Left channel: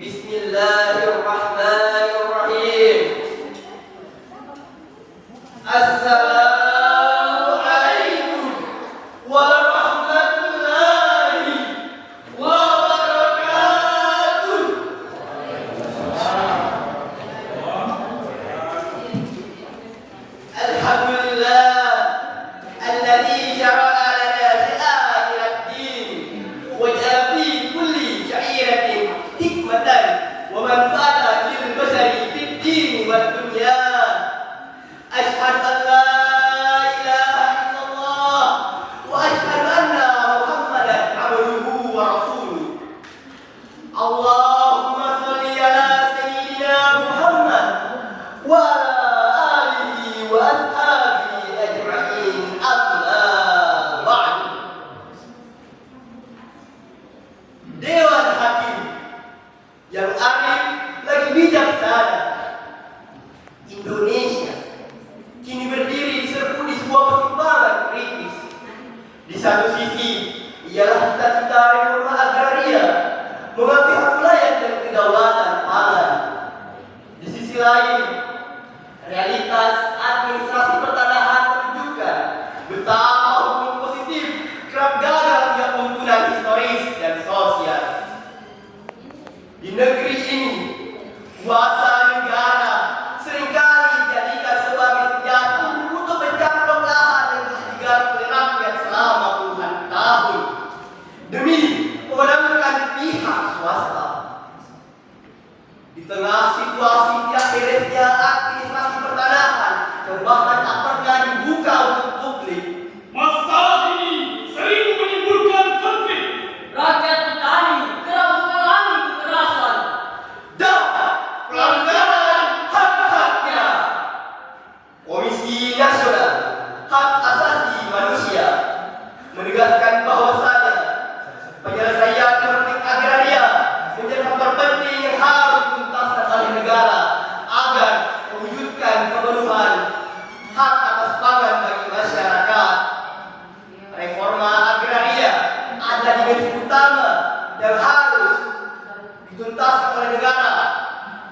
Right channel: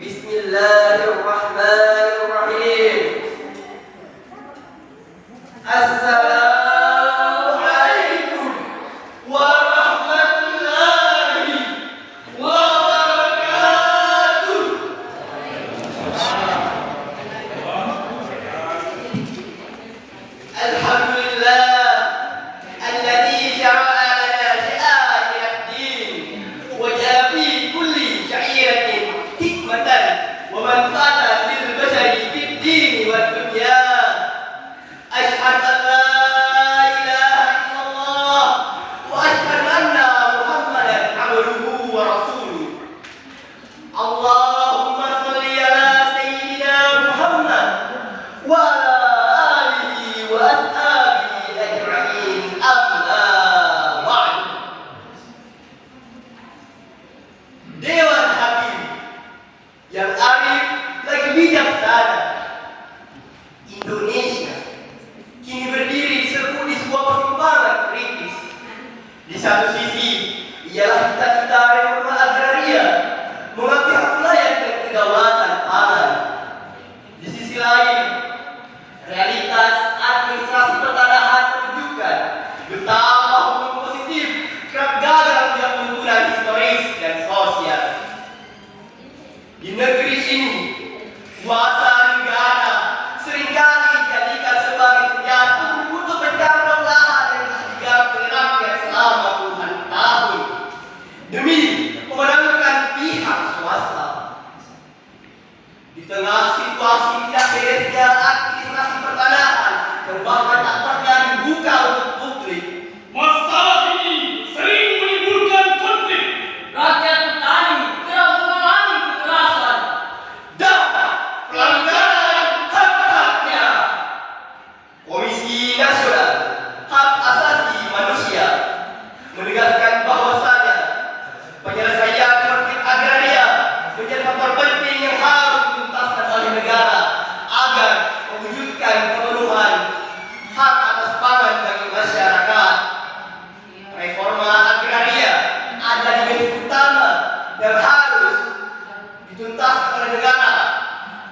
Bismillahirrahmanirrahim. Assalamualaikum warahmatullahi wabarakatuh. Alhamdulillah alladzi syara'a lana syi'a'ir ad-din wa ja'a fi kulli sya'iratin hikmatan wa manfa'atan lil bashari fid din wad dunya. Asyhadu an la ilaha illallah wa asyhadu anna Muhammadan abduhu wa rasuluh. Allahumma shalli ala sayyidina Muhammad wa ala alihi wa ashabihi ajma'in. Amma ba'du. Dewan Hakim yang arif lagi bijaksana Indonesia kini berdiri di sebuah persimpangan kritis. Di satu sisi ialah cita-cita reforma agraria mengakui hak wilayah dan kedaulatan pangan. Di sisi lain, realitas administrasi pertanahan menunjukkan betapa hukum positif kerap gagal menjadi tuntunan historis dan sosial. Di negeri ini, kuasa negara seringkali dijadikan sebagai senjata untuk mencaplok lahan yang digarap oleh rakyat selama puluhan tahun demi memenangkan pihak swasta. Di tengah situasi tidak beresnya administrasi pertanahan yang bahkan tak pernah dibuka untuk publik, Masalah ini sering menimbulkan konflik. Rakyat petani kerap mengalami kekerasan. dan pelanggaran hak-haknya. Komisi Nasional Hak Asasi Manusia menegaskan bahwasanya penyelesaian konflik agraria menjadi faktor penting yang harus dituntaskan oleh negara agar mewujudkan pemenuhan hak atas pangan bagi masyarakat. Reforma agraria adalah dimensi utama yang harus dituntaskan oleh negara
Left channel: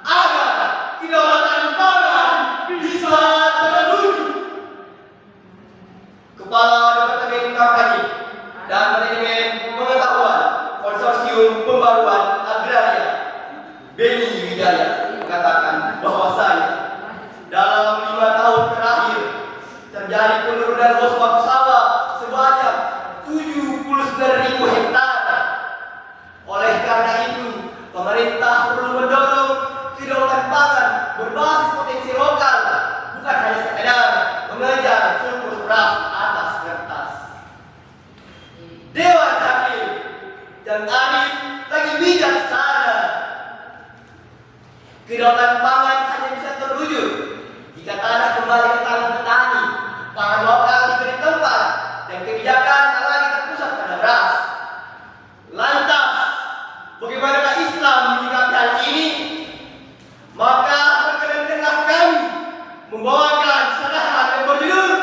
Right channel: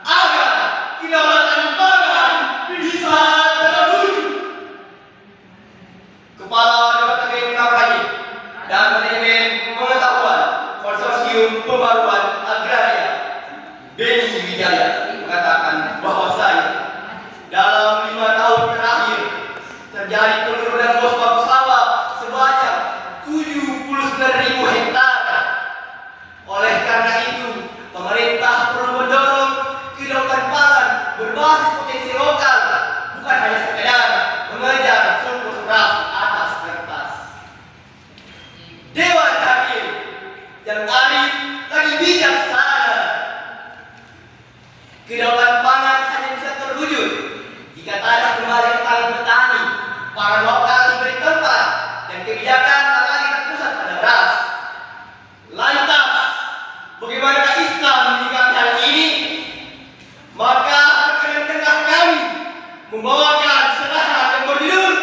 agar kedaulatan pangan bisa terwujud. Kepala Departemen Kampanye dan Manajemen Pengetahuan Konsorsium Pembaruan Agraria Beni Wijaya mengatakan bahwasanya dalam 5 tahun terakhir terjadi penurunan luas batu sawah sebanyak 79.000 hektar. Oleh karena itu, pemerintah perlu mendorong kedaulatan pangan berbasis potensi lokal, bukan hanya sekedar mengejar surplus beras atas kertas. Dewan Hakim yang arif lagi bijaksana. Kedaulatan pangan hanya bisa terwujud jika tanah kembali ke tangan petani, pangan lokal diberi tempat, dan kebijakan tak lagi terpusat pada beras. Lantas, bagaimanakah Islam menyikapi hal ini? Maka terkadang tengah kami membawakan serahan yang berjudul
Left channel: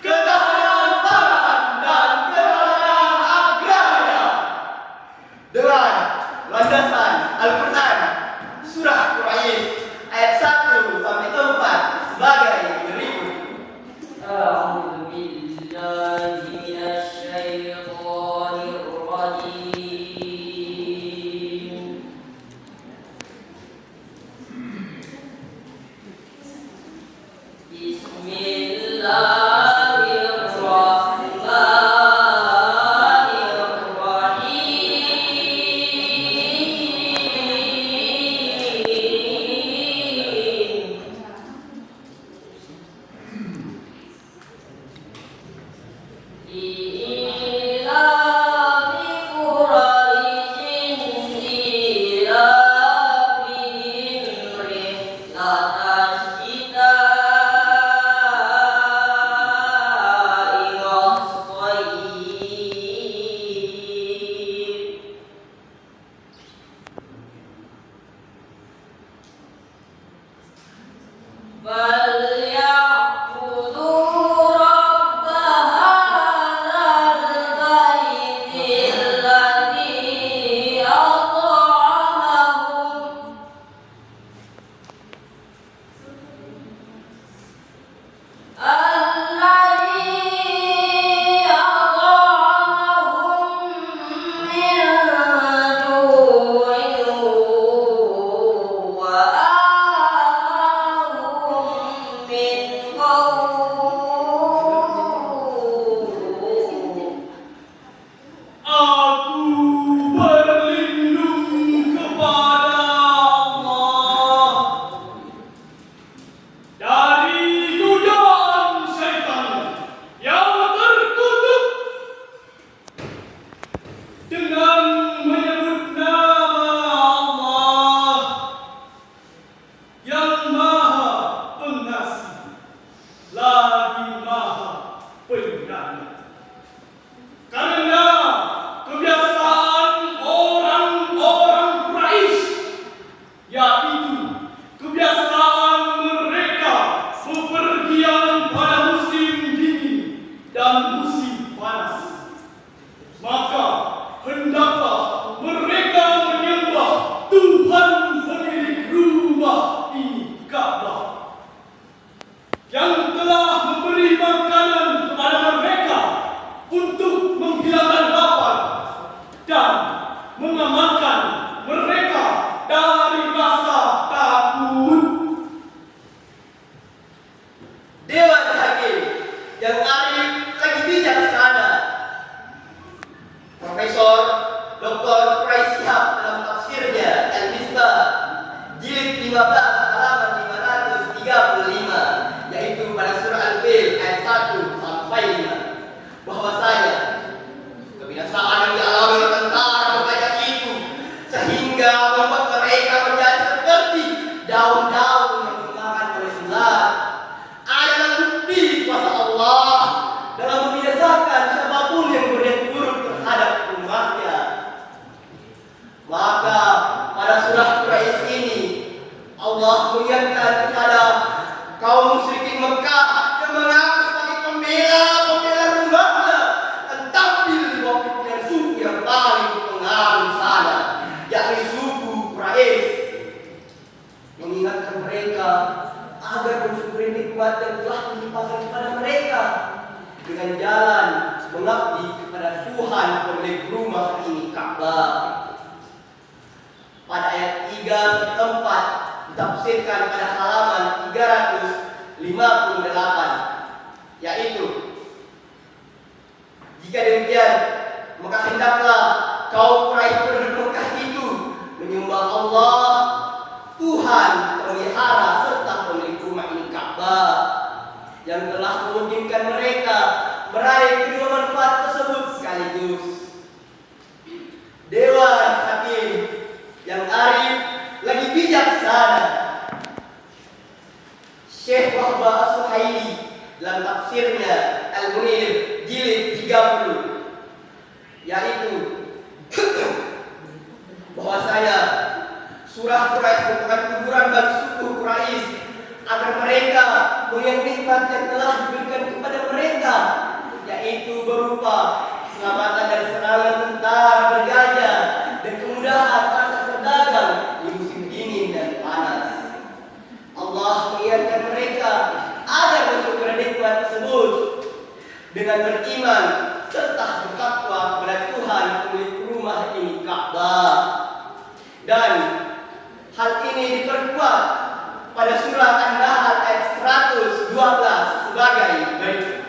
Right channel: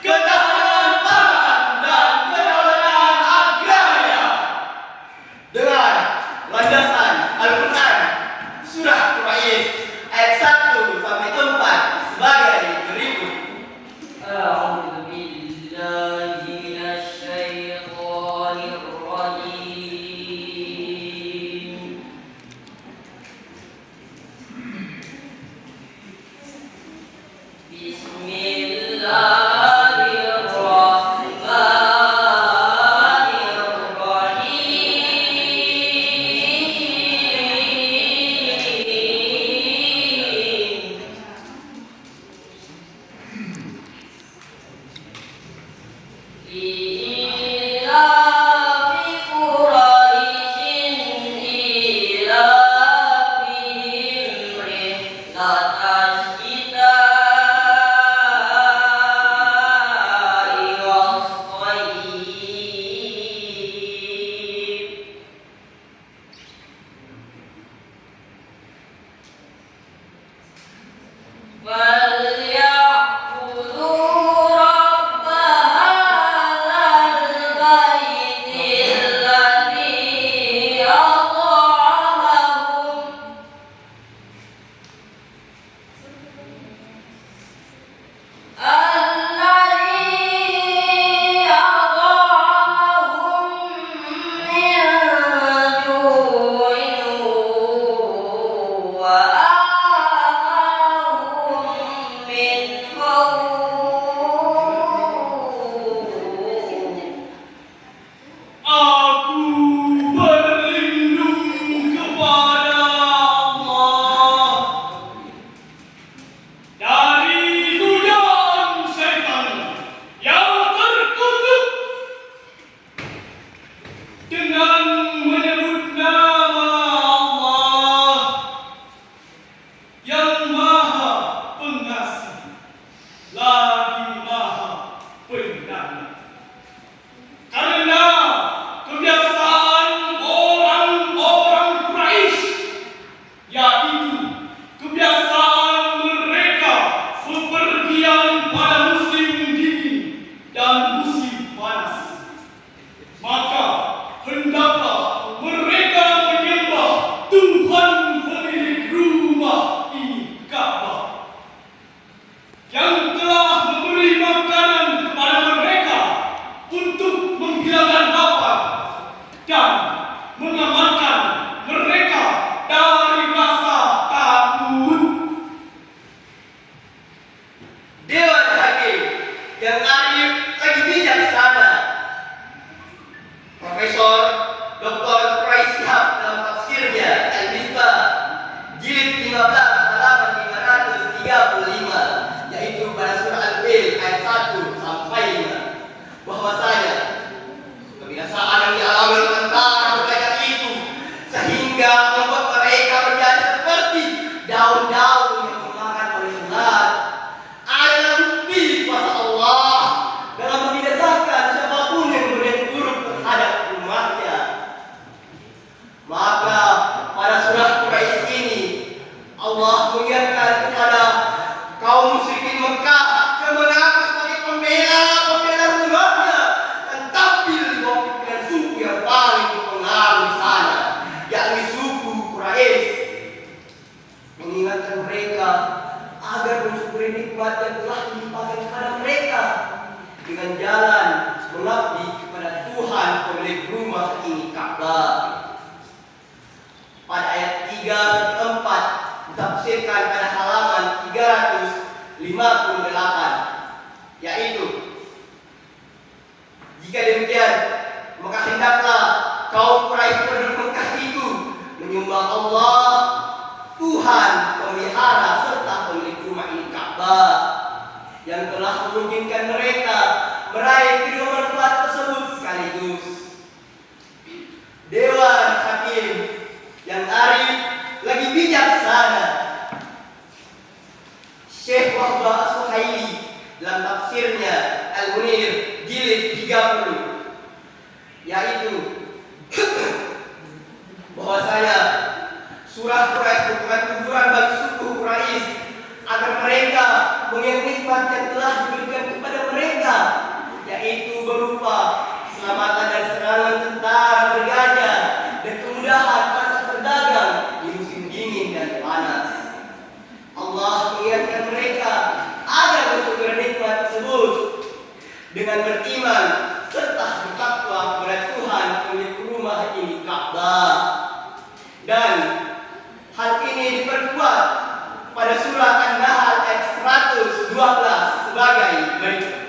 Ketahanan Pangan dan Kedaulatan Agraria dengan landasan Al-Quran Surah Quraisy ayat 1 sampai 4 sebagai berikut. A'udzu billahi minasy syaithanir rajim. sehingga membuat mereka menjadi seperti daun-daun yang dimakan oleh ulat. Adalah bukti kuasa Allah dalam membinasakan siapapun yang berniat buruk terhadap umatnya. Maka pada surah Quraisy ini Allah mengingatkan kepada kaum musyrikin Mekah yang mengaku sebagai pembela rumahnya dan tampil di bawah pimpinan suku yang paling berpengaruh di sana, yakni suku Quraisy, mengingatkan mereka agar mensyukuri nikmat yang telah dilimpahkan kepada mereka dengan jalan mengabdi kepada Tuhan pemilik rumah ini, Ka'bah. Pada ayat 3-4 ditafsirkan pada halaman 358, yaitu, jika demikian maka hendaklah kaum Quraisy penduduk Mekah itu menyembah Allah, Tuhan pemelihara serta pemilik rumah ini, Ka'bah, yang telah memungkinkan mereka meraih kedua manfaat tersebut sekaligus. Dewan Hakim yang arif lagi bijaksana, Syekh Wahbah As-Suhaili dalam tafsirnya Al-Munir jilid 30, yaitu bahwasanya surah Quraisy merupakan teguran bagi suku Quraisy agar mereka mengingat nikmat yang telah diberikan kepada mereka, yaitu berupa keselamatan dan serangan tentara bergajah dan kemudahan para pedagang di musim dingin dan panas. Allah mengingatkan mereka agar bersyukur nikmat tersebut dengan beriman serta bertakwa kepada Tuhan pemilik rumah ini, Ka'bah. Dan hal ini diperkuat pada surah An-Nahl ayat 112 sebagai berikut.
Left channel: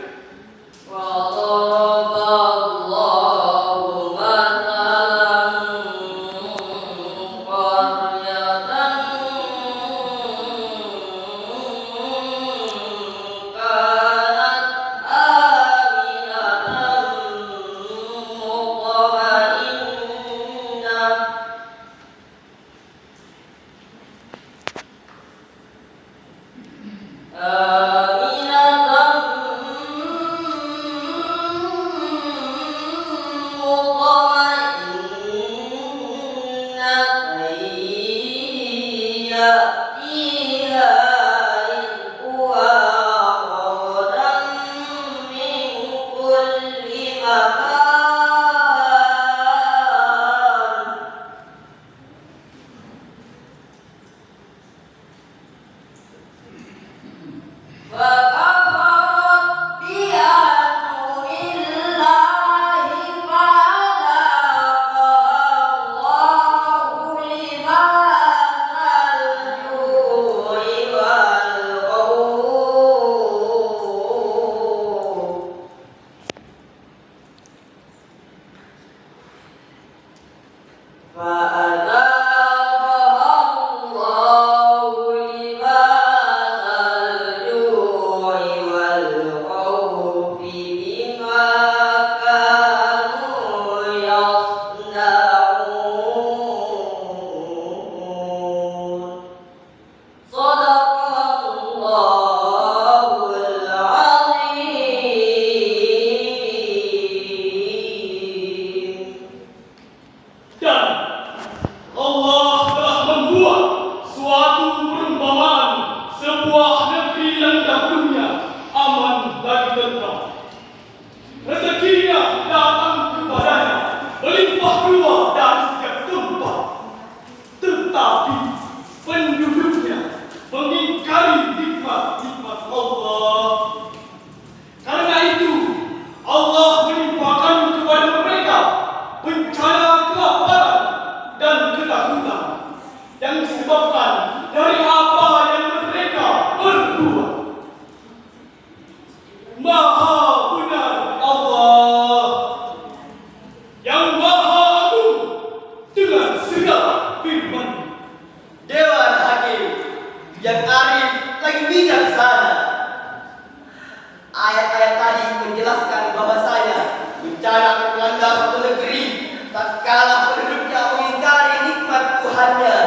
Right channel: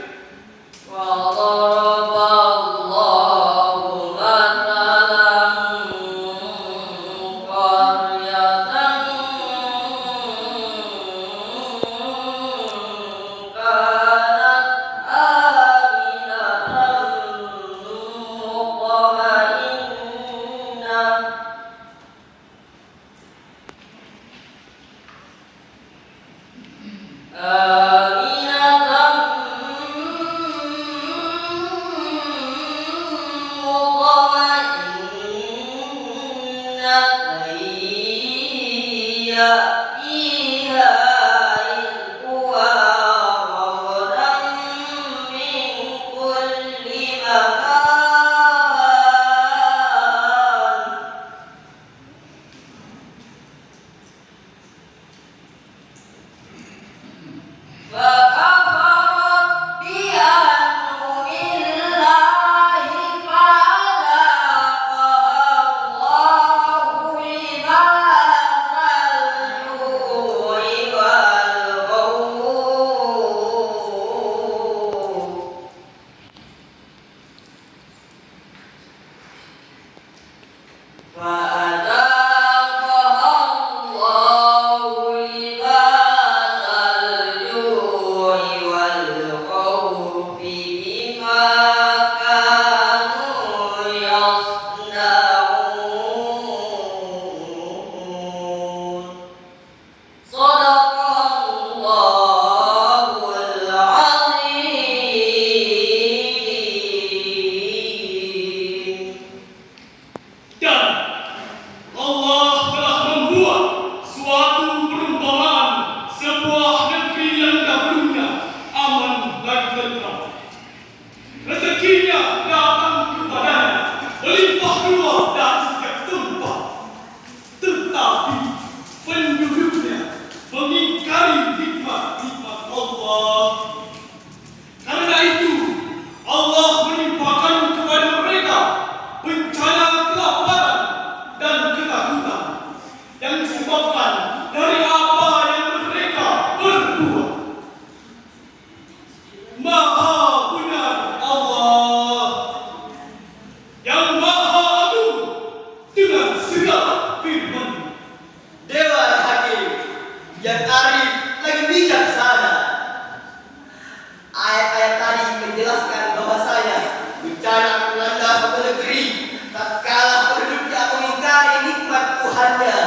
Tuhannya.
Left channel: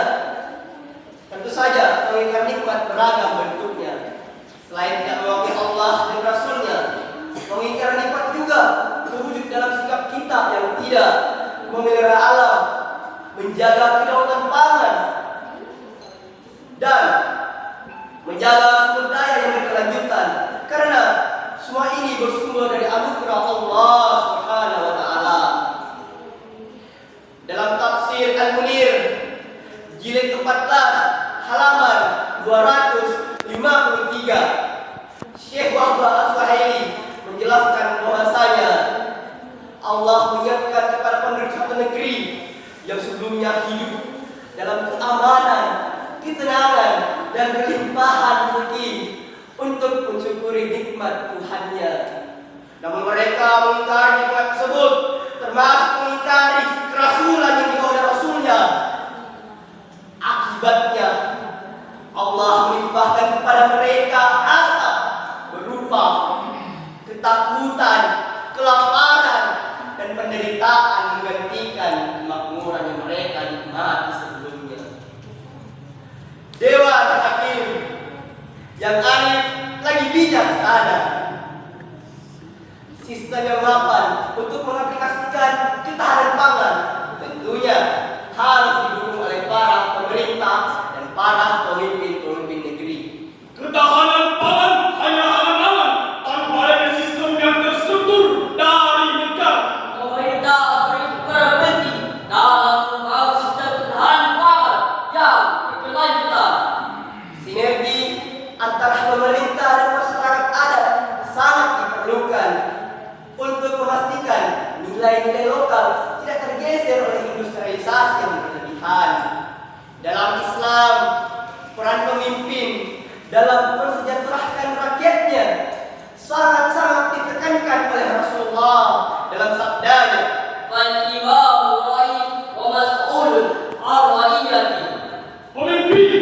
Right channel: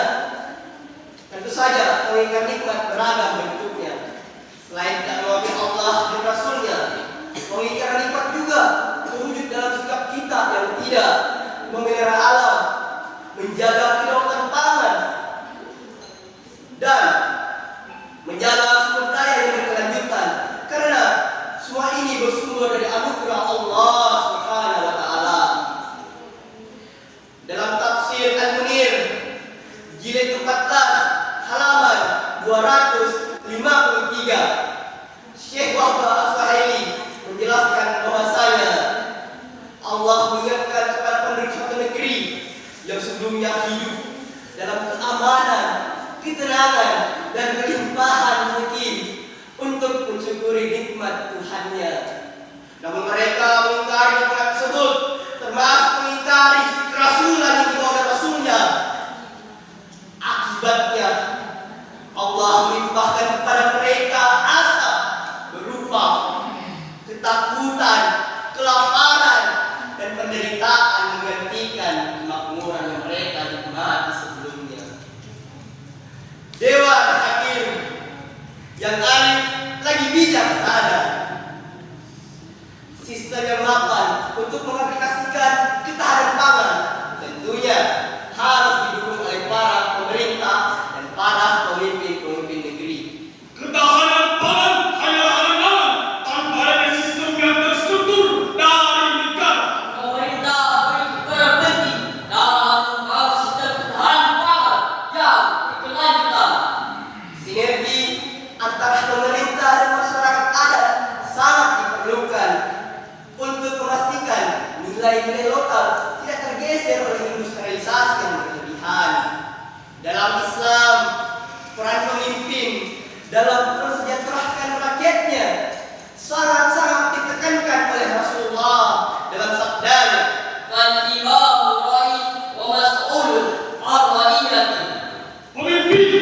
Tentu saja mengingkar nikmat beragam bentuknya. Selain tidak mengakui Allah dan Rasulnya, mengingkar nikmat juga terwujud dalam sikap kita yang tidak memelihara alam, menjaga kedaulatan pangan, dan menjaga sumber daya yang berkelanjutan. Karena semua ini bersumber dari anugerah Allah Subhanahu wa taala. Dalam tafsir Al-Munir jilid 14 halaman 253, Syekh Wahbah Al-Suhaili menjelaskan bahwasanya Allah mengingatkan kepada penduduk suatu negeri yang sebelumnya hidup dalam keamanan, ketenangan, dan kelimpahan rezeki untuk mensyukuri nikmat Tuhannya. Namun mereka mengingkari nikmat tersebut, termasuk mengingkari kerasulan yang dibawa oleh Rasulnya. Akibatnya Allah melimpahkan kepada mereka azab berupa ketakutan, kelaparan, dan penderitaan menggantikan kemakmuran yang mereka nikmati sebelumnya. Dewan Hakim yang arif lagi bijaksana, sistem yang mapan untuk mengaplikasikan ketahanan pangan tentunya harus didukung oleh para pemerintah dan para pemimpin-pemimpin negeri. Ketahanan pangan hanya angan-angan tanpa adanya sistem yang terstruktur dari negara. Pemerintah berperan penting dalam membangun sistem ketahanan pangan yang berkelanjutan. Sinergi antara pemerintah dan masyarakat adat sangat diperlukan untuk memastikan nilai-nilai lokal tidak tergeser oleh industrialisasi yang berlebihan. Dalam Islam, peran pemimpin dalam mensejahterakan rakyatnya sangat-sangat ditekankan oleh Rasulullah dalam sabdanya, Fal-imamu ra'is wa mas'ulun an ra'iyati. Pemimpin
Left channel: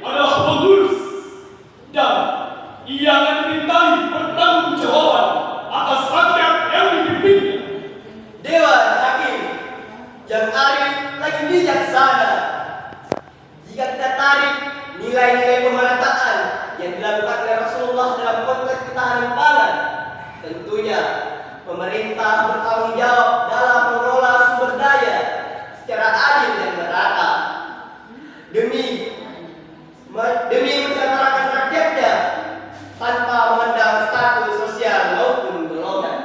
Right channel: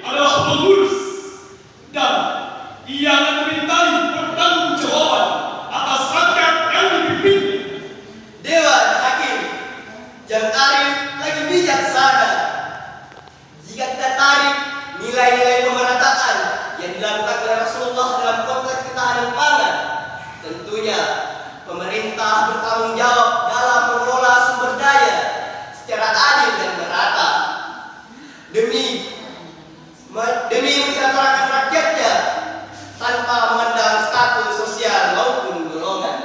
adalah pengurus dan ia akan dimintai pertanggungjawaban atas rakyat yang dipimpinnya. Dewan Hakim yang arif lagi bijaksana. Jika kita tarik nilai-nilai pemerataan yang dilakukan oleh Rasulullah dalam konteks ketahanan pangan, tentunya pemerintah bertanggung jawab dalam mengelola sumber daya secara adil dan merata demi mensejahterakan rakyatnya tanpa memandang status sosial maupun golongan.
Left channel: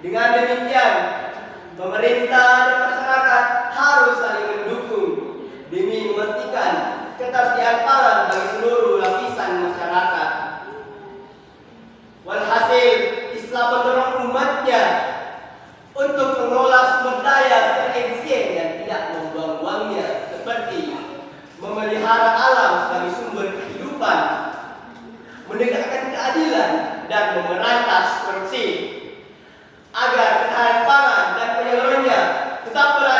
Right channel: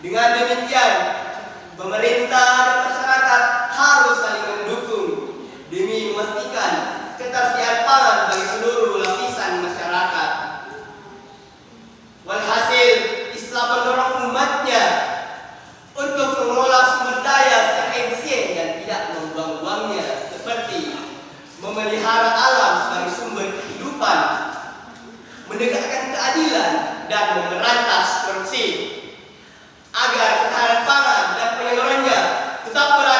Dengan demikian, pemerintah dan masyarakat harus saling mendukung demi memastikan ketersediaan pangan bagi seluruh lapisan masyarakat. Walhasil, Islam mendorong umatnya untuk mengelola sumber daya secara efisien dan tidak membuang-buangnya, seperti memelihara alam sebagai sumber kehidupan, menegakkan keadilan, dan memberantas korupsi agar ketahanan pangan dan penyalurannya tetap berada